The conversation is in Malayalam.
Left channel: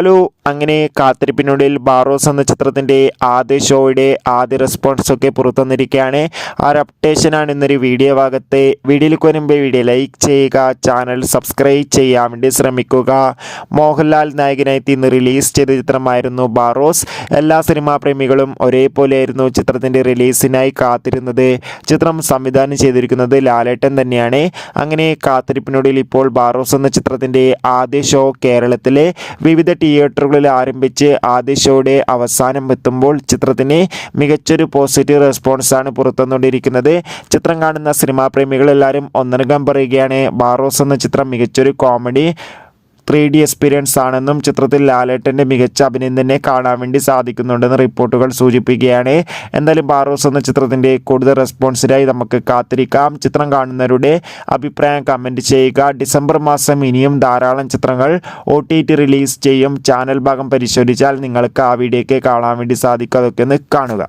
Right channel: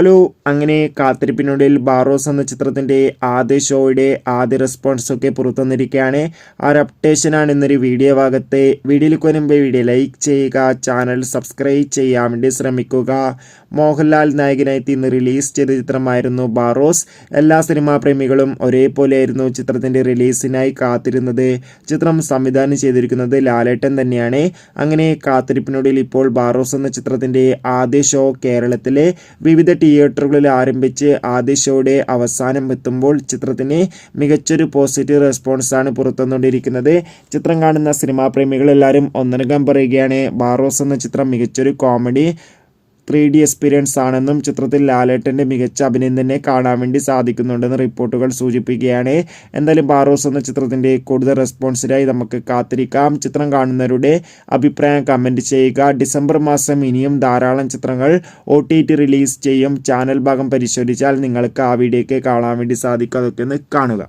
ഹലോ, അങ്ങനെ കാത്തിരിപ്പിനൊടുവിൽ ബാറോസ് എന്ന ചിത്രത്തിൻ്റെ ആദ്യ ഷോയുടെ ആദ്യ റെസ്പോൺസൊക്കെ പുറത്തുവന്നിരിക്കുകയാണ്. ആ ഒരു അപ്ഡേഷനാണ് ഇന്നൊരു വീഡിയോ ഭാഗത്തെ. വീഡിയോയിലേക്ക് വരുമ്പോൾ വീഡിയോ ലൈക്ക് ചെയ്യുക, ചാനൽ സബ്സ്ക്രൈബ് ചെയ്യാൻ വേണ്ടി ശ്രമിക്കുക. മോഹൻലാൽ നായകനായി ഇന്ന് റിലീസ് ചെയ്ത ചിത്രമായിരുന്നു ബാറോസ്. എല്ലാ സിനിമാ പ്രേമികളും ഒരേപോലെയായിരുന്നു ചിത്രത്തിൻ്റെ റിലീസിനായി കാത്തിരുന്നത്. ചിത്രം സംവിധാനം ചെയ്തിരിക്കുന്നത് ലാലേട്ടൻ തന്നെയാണ്. അങ്ങനെ കാത്തിരിപ്പിനൊടുവിൽ ഇപ്പോൾ ബാറോസ് എന്ന ചിത്രത്തിൻ്റെ ആദ്യ ഷോ കേരളത്തിലെ വിവിധ തിയേറ്ററുകളിൽ ആരംഭിച്ച് ആദ്യ ഷോയുടെ അവസാനം എത്തുമ്പോൾ ചിത്രത്തിന് മികച്ചൊരു പോസിറ്റീവ് റെസ്പോൺസാണ് പുറത്തുവന്നുകൊണ്ടിരിക്കുന്നത്. ചിത്രം കാണുന്ന സിനിമാ പ്രേമികളെല്ലാവരും ഒന്നടങ്കം പറയുകയാണ്, ബാറോസ് എന്ന ചിത്രം മികച്ചൊരു കോമഡി 3D എക്സ്പീരിയൻസ് ആണെന്നും ചിത്രത്തിൽ ലാലേട്ടൻ്റെ മികച്ച അഭിനയം തന്നെ കാണാൻ വേണ്ടി സാധിക്കുന്നുണ്ടെന്ന് റിപ്പോർട്ടുകൾ സൂചിപ്പിക്കുകയാണ്. എന്തായാലും ബാറോസ് എന്ന ചിത്രത്തിൻ്റെ കൂടുതൽ റെസ്പോൺസിനായി നമുക്ക് കാത്തിരിക്കാം. ചിത്രം കാണുന്നവരുടെ അഭിപ്രായം കമൻറ്റ് ചെയ്യുക. ഡിസംബർ മാസം ഇനിയും ധാരാളം ചിത്രങ്ങൾ OTT റിലീസ് ചെയ്യും. ചാനൽ ഭാഗം പരിശോധിച്ചാൽ നിങ്ങൾക്ക് ആ വീഡിയോയ്ക്ക് കാണാൻ വേണ്ടി സാധിക്കും. അതൊക്കെ ഒന്ന് കാണുക.